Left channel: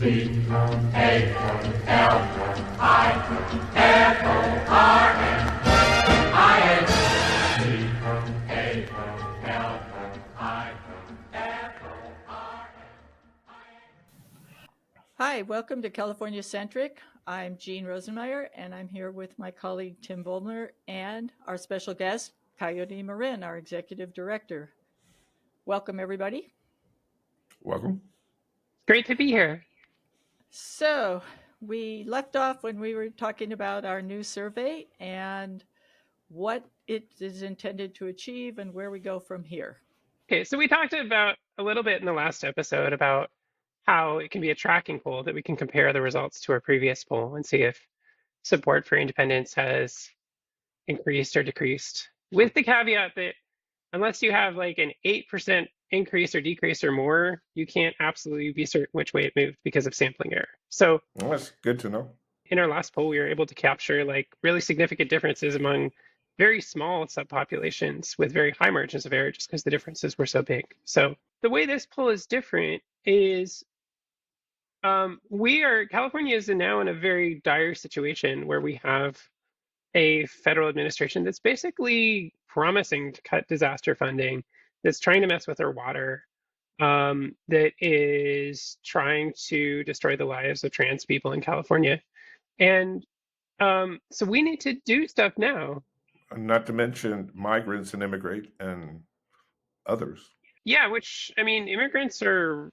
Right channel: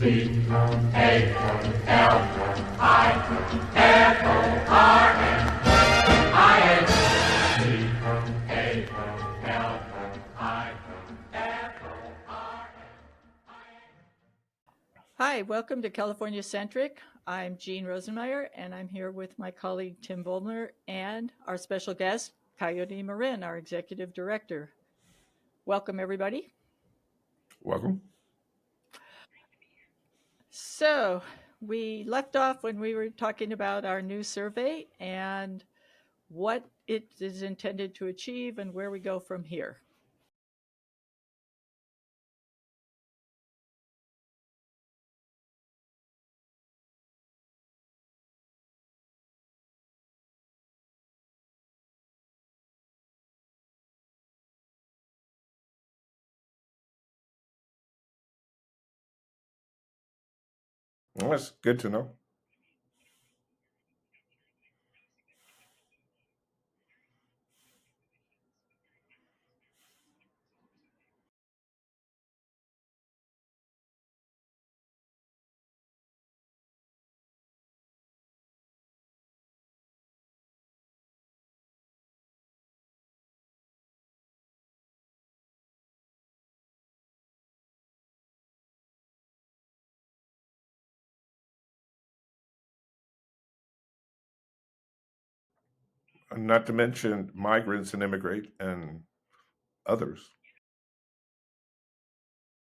Hi, welcome to California Centric. I'm Jean Rosenmeyer, and I'm here with my colleague Tim Vollmer and our special guest, Coyote Marin, our executive director. Welcome, everybody. Welcome. Great to be here. So, we left off when we were talking about our new survey and what it is intended to achieve and where we go from here. Okay, so we talked about a little bit in the last episode about how it can be a tracking poll that we can compare the results to our previous poll and see if support for independence has increased or decreased, with the caveat that unless you have like an 8% increase or decrease or more, you can't absolutely be certain which way it moved because of sampling error. So Well, that's good to know. in our last poll, we were able to capture like really significant differences among very small subpopulations with very high margins of error just because the differences were so big. So the way this poll is different is California is now in a very dire situation where we have a federal administration that's basically promising to cut disaster funding, that's trying to mess with our water, that is trying to destroy the lives of trans people in California. And so we need to do stuff now. Not to mention migrants and immigrant and others. Yeah, which, I mean, immigrants are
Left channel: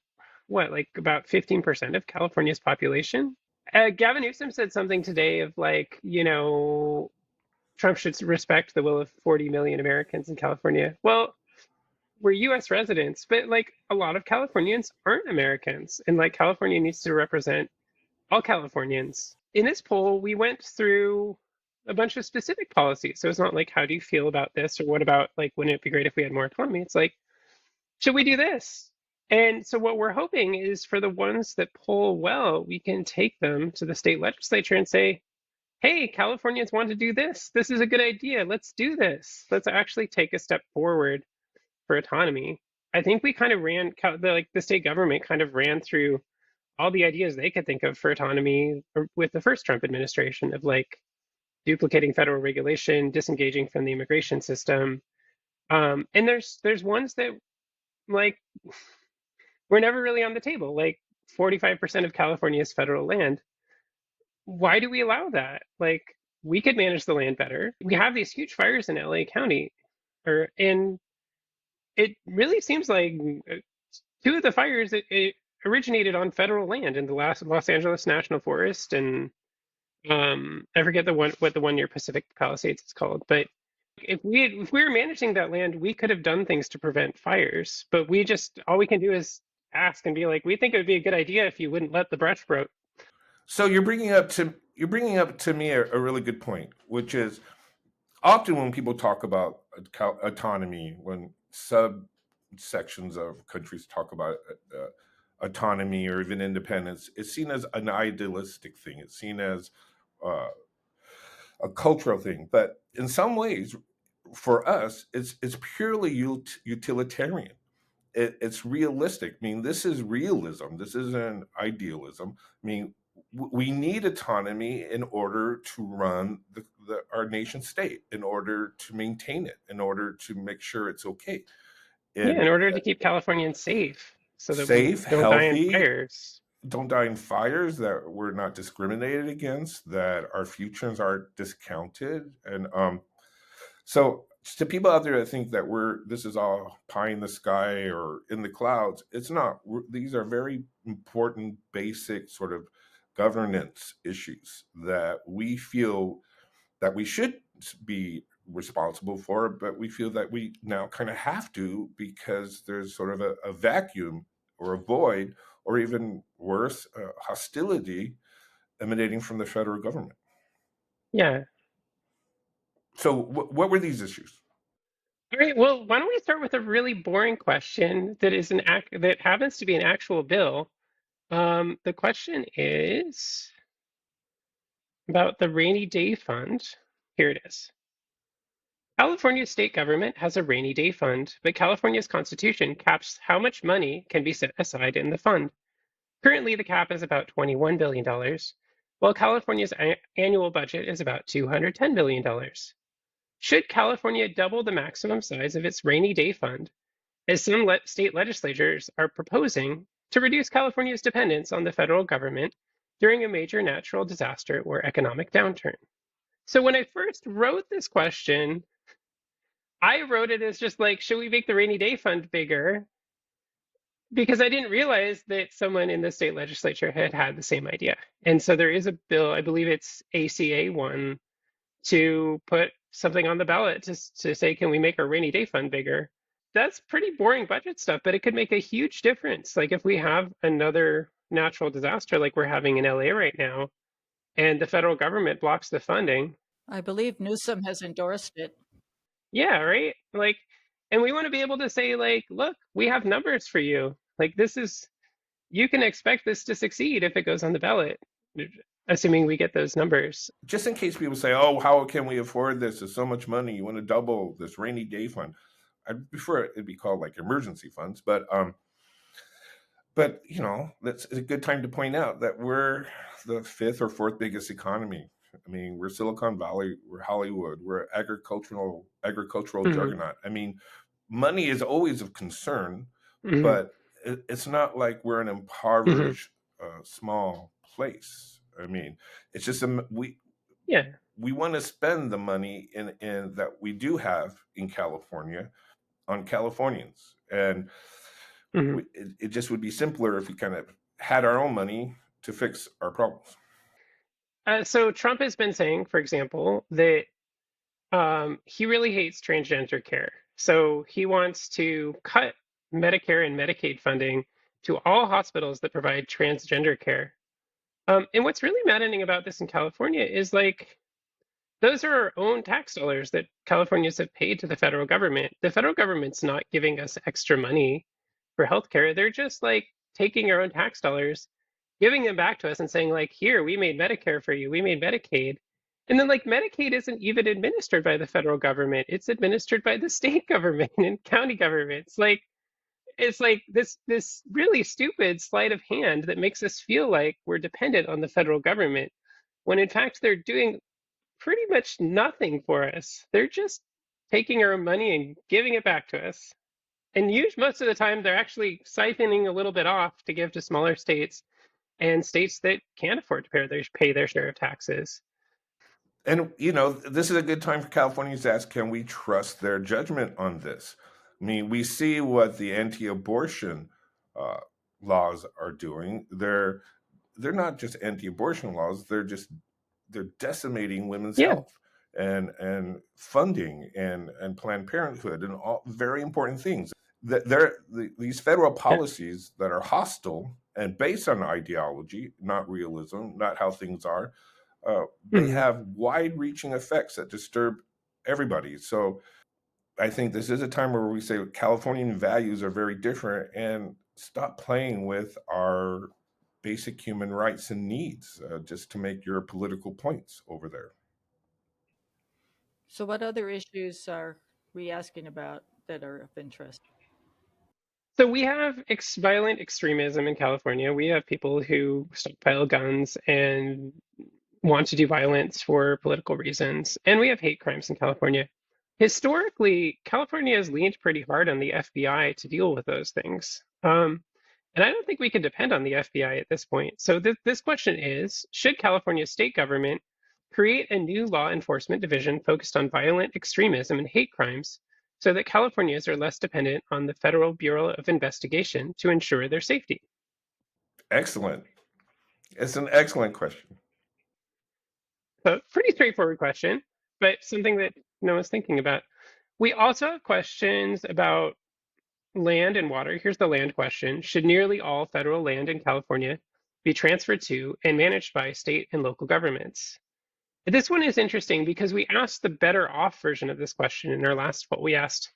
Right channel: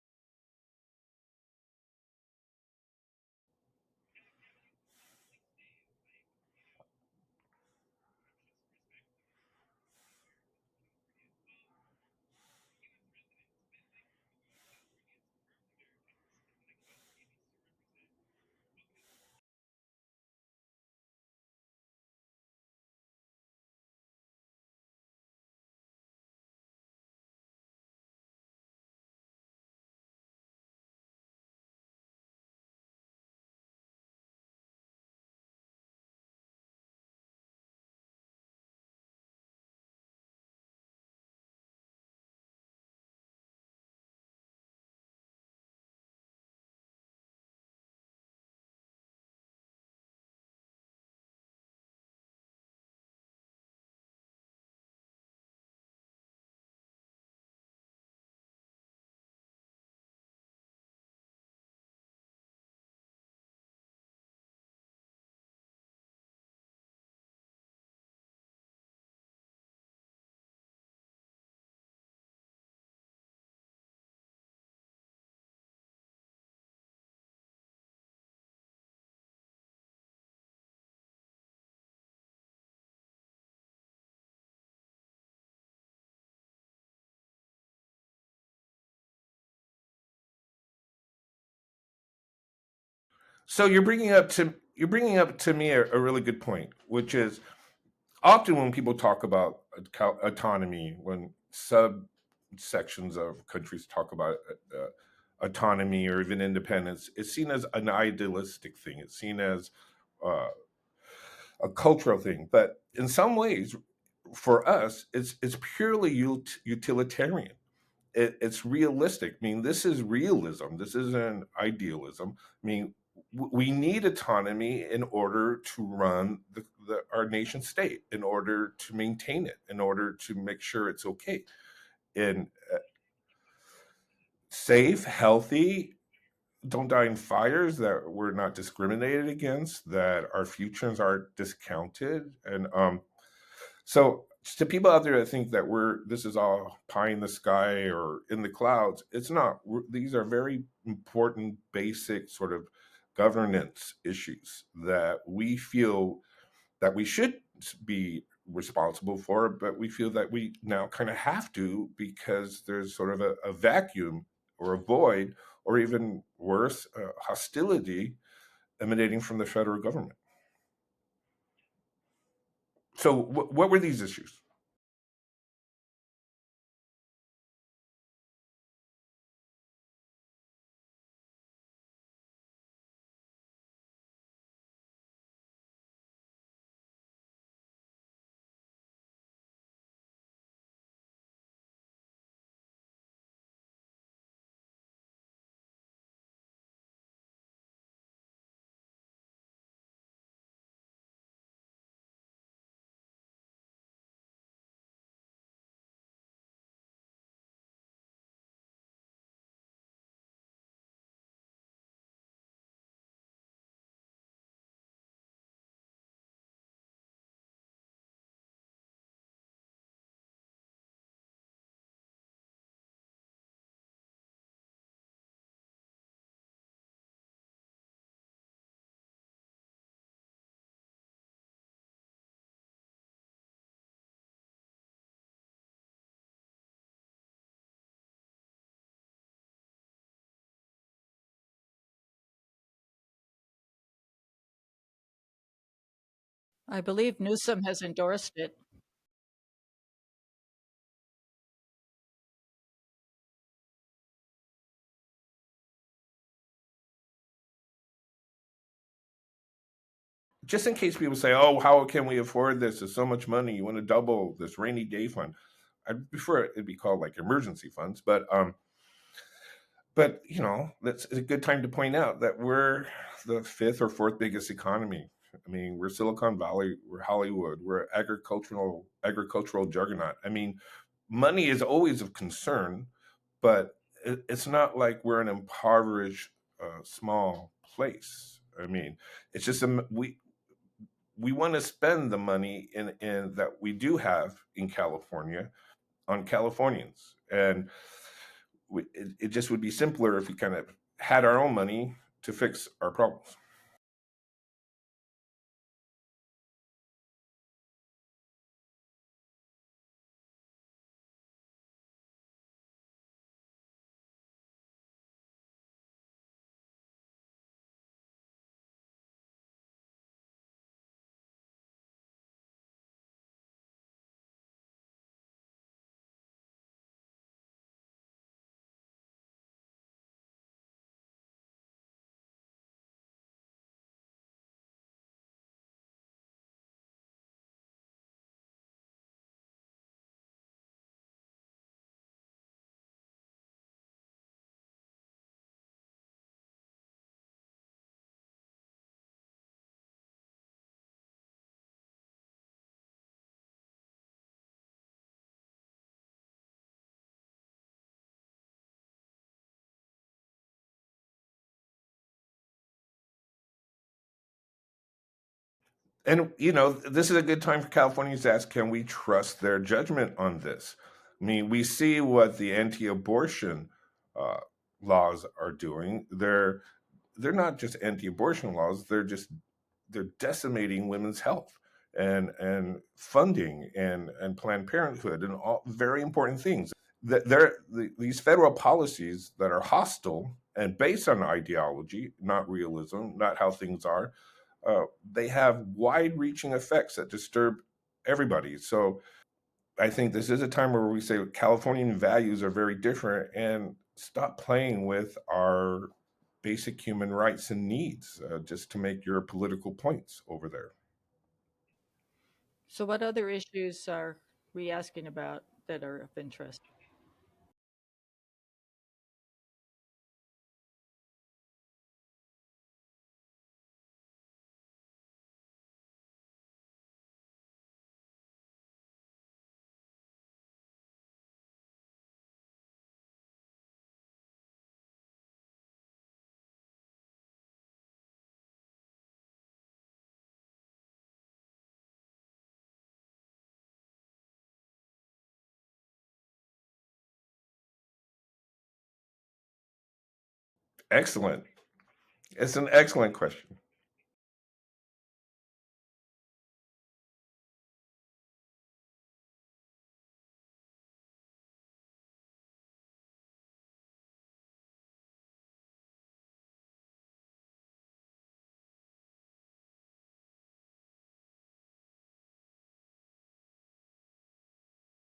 what, like about 15% of California's population? Gavin Newsom said something today of like, Trump should respect the will of 40 million Americans in California. Well, we're US residents, but like a lot of Californians aren't Americans. And like California needs to represent all Californians. In this poll, we went through a bunch of specific policies. So it's not like, how do you feel about this? Or what about, like, wouldn't it be great if we had more autonomy? It's like, should we do this? And so what we're hoping is for the ones that poll well, we can take them to the state legislature and say, hey, Californians want to do this. This is a good idea. Let's do this. Let's actually take a step forward for autonomy. I think we kind of the state government kind of ran through all the ideas they could think of for autonomy with the first Trump administration of like duplicating federal regulation, disengaging from the immigration system. And there's ones that like were never really on the table, like 45% of California is federal land. Why do we allow that? Like we could manage the land better. We have these huge fires in LA County, and it really seems like two of the fires it originated on federal land in the last Los Angeles National Forest, and I forget what the one near Pacific Palisades is called. But if we were managing that land, we could have done things to prevent fires. But all we can do is ask and be like, we think it would be a good idea if you wouldn't let the brush grow. So you're bringing up to me a really good point, which is often when people talk about autonomy, when subsections of countries talk about autonomy or even independence, it's seen as an idealistic thing. It's seen as uh, a cultural thing. But in some ways, for us, it's purely utilitarian. It's realistic. I mean, this is realism. This isn't idealism. I mean, we need autonomy in order to run our nation state, in order to maintain it, in order to make sure it's okay. Yeah, And in order to keep Californians safe so that we safe, don't die in healthy, fires. don't die in fires, that we're not discriminated against, that our futures aren't discounted. And so to people out there that think that this is all pie in the sky or in the clouds, it's not. These are very important, basic sort of governance issues that we feel that we should be responsible for, but we feel that we now kind of have to, because there's sort of a vacuum or a void, or even worse, hostility emanating from the federal government. Yeah. So what were these issues? All right, well, why don't we start with a really boring question that is that happens to be an actual bill. The question is about the rainy day fund. Here it is. California's state government has a rainy day fund, but California's constitution caps how much money can be set aside in the fund. Currently, the cap is about $21 billion, while California's annual budget is about $210 billion. Should California double the maximum size of its rainy day fund, as some state legislatures are proposing, to reduce California's dependence on the federal government during a major natural disaster or economic downturn? So when I first wrote this question, I wrote it as just like, should we make the rainy day fund bigger? Because I didn't realize that someone in the state legislature had had the same idea. And so there is a bill, I believe it's ACA 1, to put something on the ballot to say, can we make our rainy day fund bigger? That's pretty boring budget stuff, but it could make a huge difference. Like if we have another natural disaster like we're having in LA right now, and the federal government blocks the funding, I believe Newsom has endorsed it. yeah, right? Like, and we want to be able to say, like, look, we have numbers for you. Like, this is, you can expect this to succeed if it goes on the ballot, assuming we get those numbers. Just in case people say, "Oh, how can we afford this? There's so much money. You want to double this rainy day fund?" I'd prefer it be called like emergency funds, but you know, that's a good time to point out that we're the fifth or fourth biggest economy. I mean, we're Silicon Valley, we're Hollywood, we're agricultural Hmm. juggernaut. I mean, money is always of concern, Hmm. but it's not like we're an Hmm. impoverished small place. I mean, it's just Yeah. we want to spend the money in that we do have in California on Californians, and Hmm. it just would be simpler if we kind of had our own money to fix our problems. So Trump has been saying, for example, that he really hates transgender care. So he wants to cut Medicare and Medicaid funding to all hospitals that provide transgender care. And what's really maddening about this in California is like, those are our own tax dollars that Californians have paid to the federal government. The federal government's not giving us extra money for healthcare. They're just like taking our own tax dollars, giving them back to us and saying, like, here, we made Medicare for you, we made Medicaid. And then like Medicaid isn't even administered by the federal government. It's administered by the state government and county governments. Like it's like this really stupid sleight of hand that makes us feel like we're dependent on the federal government when in fact they're doing pretty much nothing for us. They're just taking our money and giving it back to us. And most of the time, they're actually siphoning a little bit off to give to smaller states and states that can't afford to pay their share of taxes. And you know, this is a good time for Californians to ask, can we trust their judgment on this? I mean, we see what the anti-abortion uh, laws are doing. They're not just anti-abortion laws. They're decimating women's Yeah. health and funding and Planned Parenthood and all very important things. These federal Yeah. policies that are hostile and based on ideology, not realism, not how things are, they Mhm. have wide-reaching effects that disturb everybody. So I think this is a time where we say Californian values are very different and stop playing with our basic human rights and needs just to make your political points over there. So, what other issues are we asking about that are of interest? So we have violent extremism in California. We have people who stockpile guns and want to do violence for political reasons. And we have hate crimes in California. Historically, California has leaned pretty hard on the FBI to deal with those things. And I don't think we can depend on the FBI at this point. So this question is, should California's state government create a new law enforcement division focused on violent extremism and hate crimes so that Californians are less dependent on the Federal Bureau of Investigation to ensure their safety? Excellent. It's an excellent question. So pretty straightforward question, but something that no one's thinking about. We also have questions about land and water. Here's the land question. Should nearly all federal land in California be transferred to and managed by state and local governments? This one is interesting because we asked the better off version of this question in our last poll. We asked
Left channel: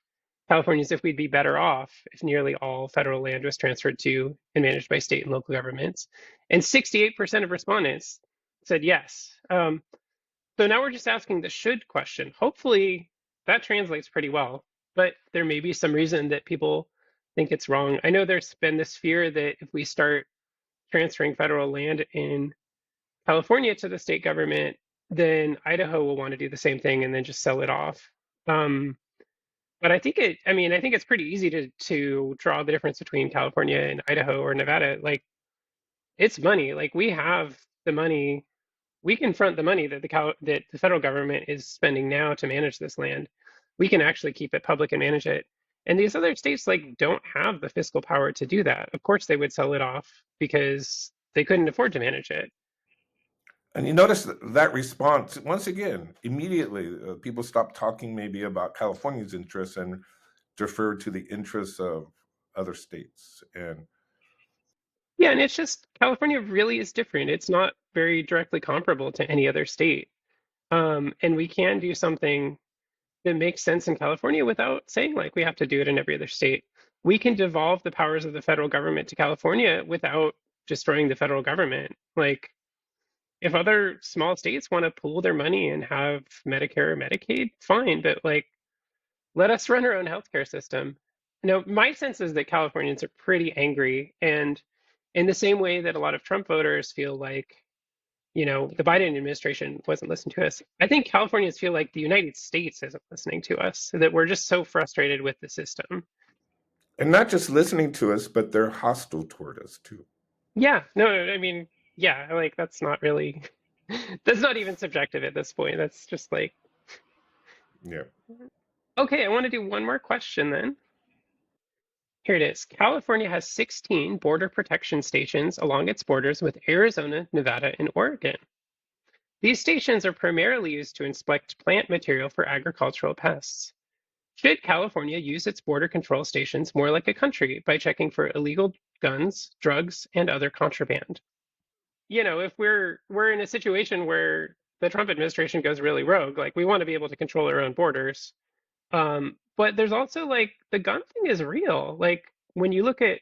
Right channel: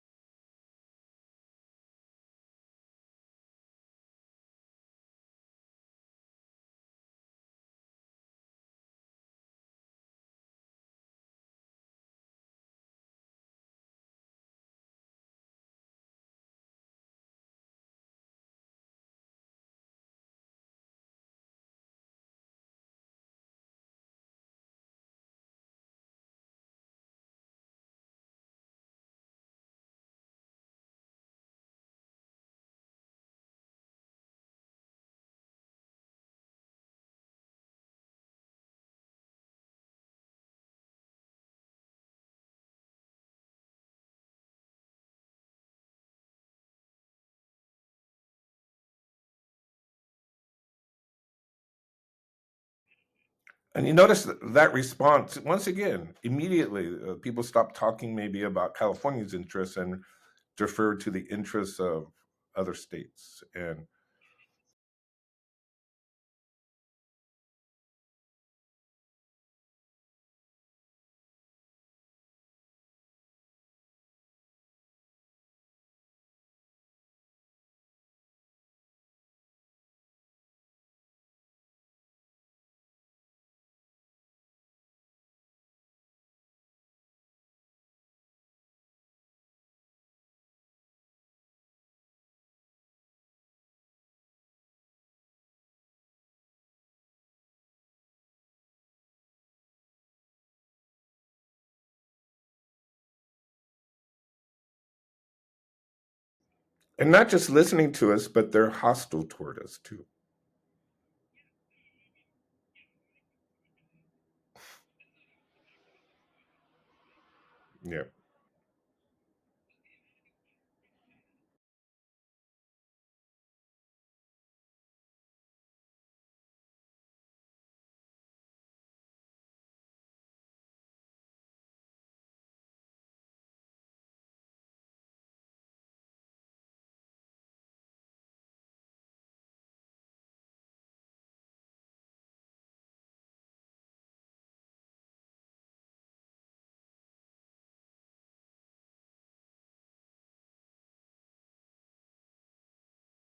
Californians if we'd be better off if nearly all federal land was transferred to and managed by state and local governments. And 68% of respondents said yes. So now we're just asking the should question. Hopefully that translates pretty well, but there may be some reason that people think it's wrong. I know there's been this fear that if we start transferring federal land in California to the state government, then Idaho will want to do the same thing and then just sell it off. Um, but I think it's pretty easy to draw the difference between California and Idaho or Nevada. Like it's money. Like we have the money, we can front the money that that the federal government is spending now to manage this land. We can actually keep it public and manage it. And these other states like don't have the fiscal power to do that. Of course, they would sell it off because they couldn't afford to manage it. And you notice that response once again immediately. People stop talking maybe about California's interests and defer to the interests of other states. And Yeah, and it's just California really is different. It's not very directly comparable to any other state. And we can do something that makes sense in California without saying like we have to do it in every other state. We can devolve the powers of the federal government to California without destroying the federal government. Like if other small states want to pool their money and have Medicare or Medicaid, fine, but like let us run our own healthcare system. No, my sense is that Californians are pretty angry, and in the same way that a lot of Trump voters feel like, the Biden administration wasn't listening to us, I think Californians feel like the United States isn't listening to us, that we're just so frustrated with the system. not just listening to us, but they're hostile toward us too. Yeah, no, I mean, yeah, like that's not really, that's not even subjective at this point. That's just like, Yeah. okay, I want to do one more question then. Here it is. California has 16 border protection stations along its borders with Arizona, Nevada, and Oregon. These stations are primarily used to inspect plant material for agricultural pests. Should California use its border control stations more like a country by checking for illegal guns, drugs, and other contraband? If we're in a situation where the Trump administration goes really rogue, like we want to be able to control our own borders. But there's also like the gun thing is real. Like when you look at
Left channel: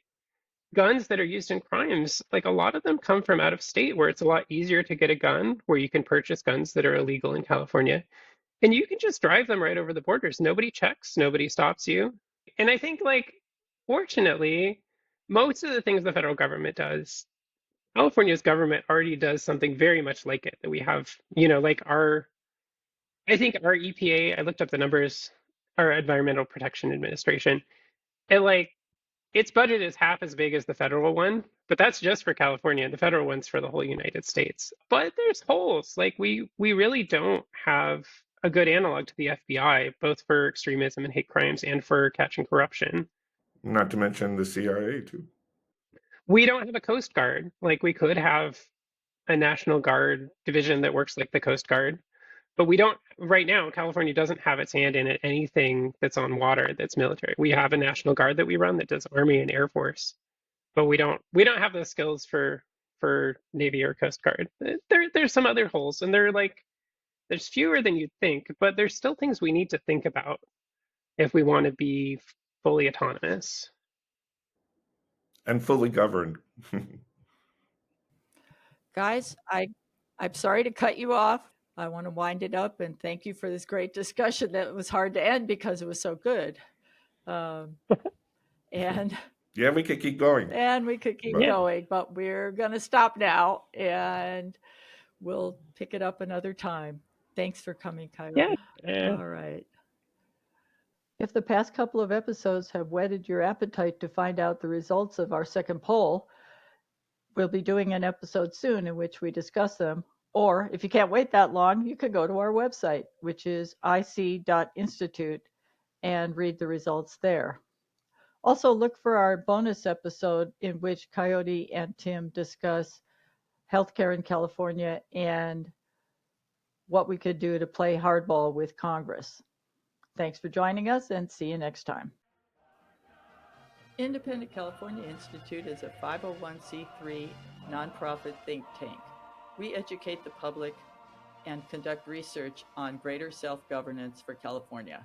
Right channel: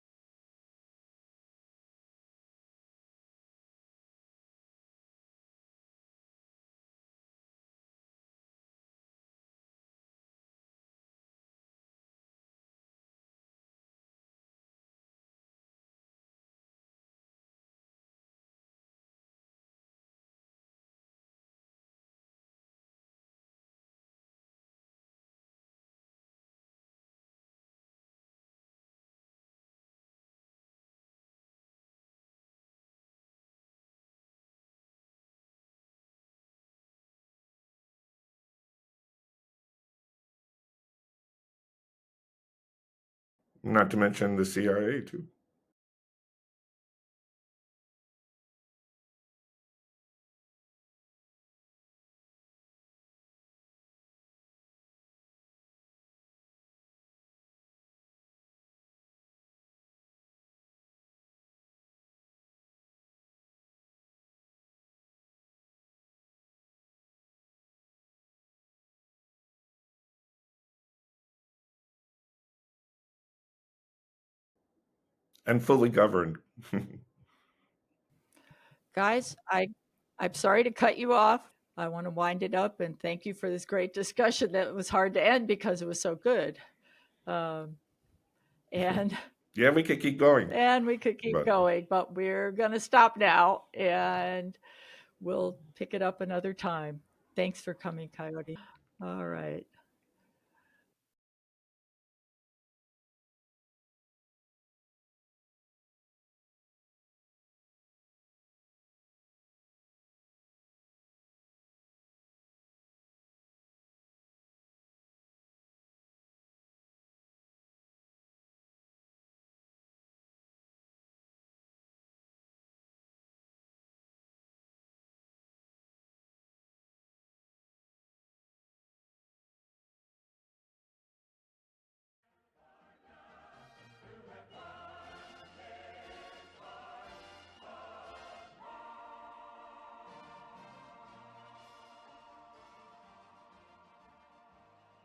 guns that are used in crimes, like a lot of them come from out of state where it's a lot easier to get a gun, where you can purchase guns that are illegal in California. And you can just drive them right over the borders. Nobody checks, nobody stops you. And I think like fortunately, most of the things the federal government does, California's government already does something very much like it that we have, like I think our EPA, I looked up the numbers, our Environmental Protection Administration, and like its budget is half as big as the federal one, but that's just for California. The federal one's for the whole United States. But there's holes. Like we really don't have a good analog to the FBI, both for extremism and hate crimes and for catching corruption. Not to mention the CIA too. We don't have a Coast Guard. Like we could have a National Guard division that works like the Coast Guard, but we don't right now. California doesn't have its hand in anything that's on water that's military. We have a National Guard that we run that does Army and Air Force, but we don't have the skills for Navy or Coast Guard. There's some other holes, and there's fewer than you'd think, but there's still things we need to think about if we want to be fully autonomous. And fully governed. Guys, I'm sorry to cut you off. I want to wind it up and thank you for this great discussion that was hard to end because it was so good. And Yeah, we could keep going. and we could keep But- going, but we're going to stop now and we'll pick it up another time. Thanks for coming, Coyote. Yeah. All right. If the past couple of episodes have whetted your appetite to find out the results of our second poll, we'll be doing an episode soon in which we discuss them. Or if you can't wait that long, you can go to our website, which is ic.institute, and read the results there. Also, look for our bonus episode in which Coyote and Tim discuss healthcare in California and what we could do to play hardball with Congress. Thanks for joining us and see you next time. Independent California Institute is a 501c3 nonprofit think tank. We educate the public and conduct research on greater self-governance for California.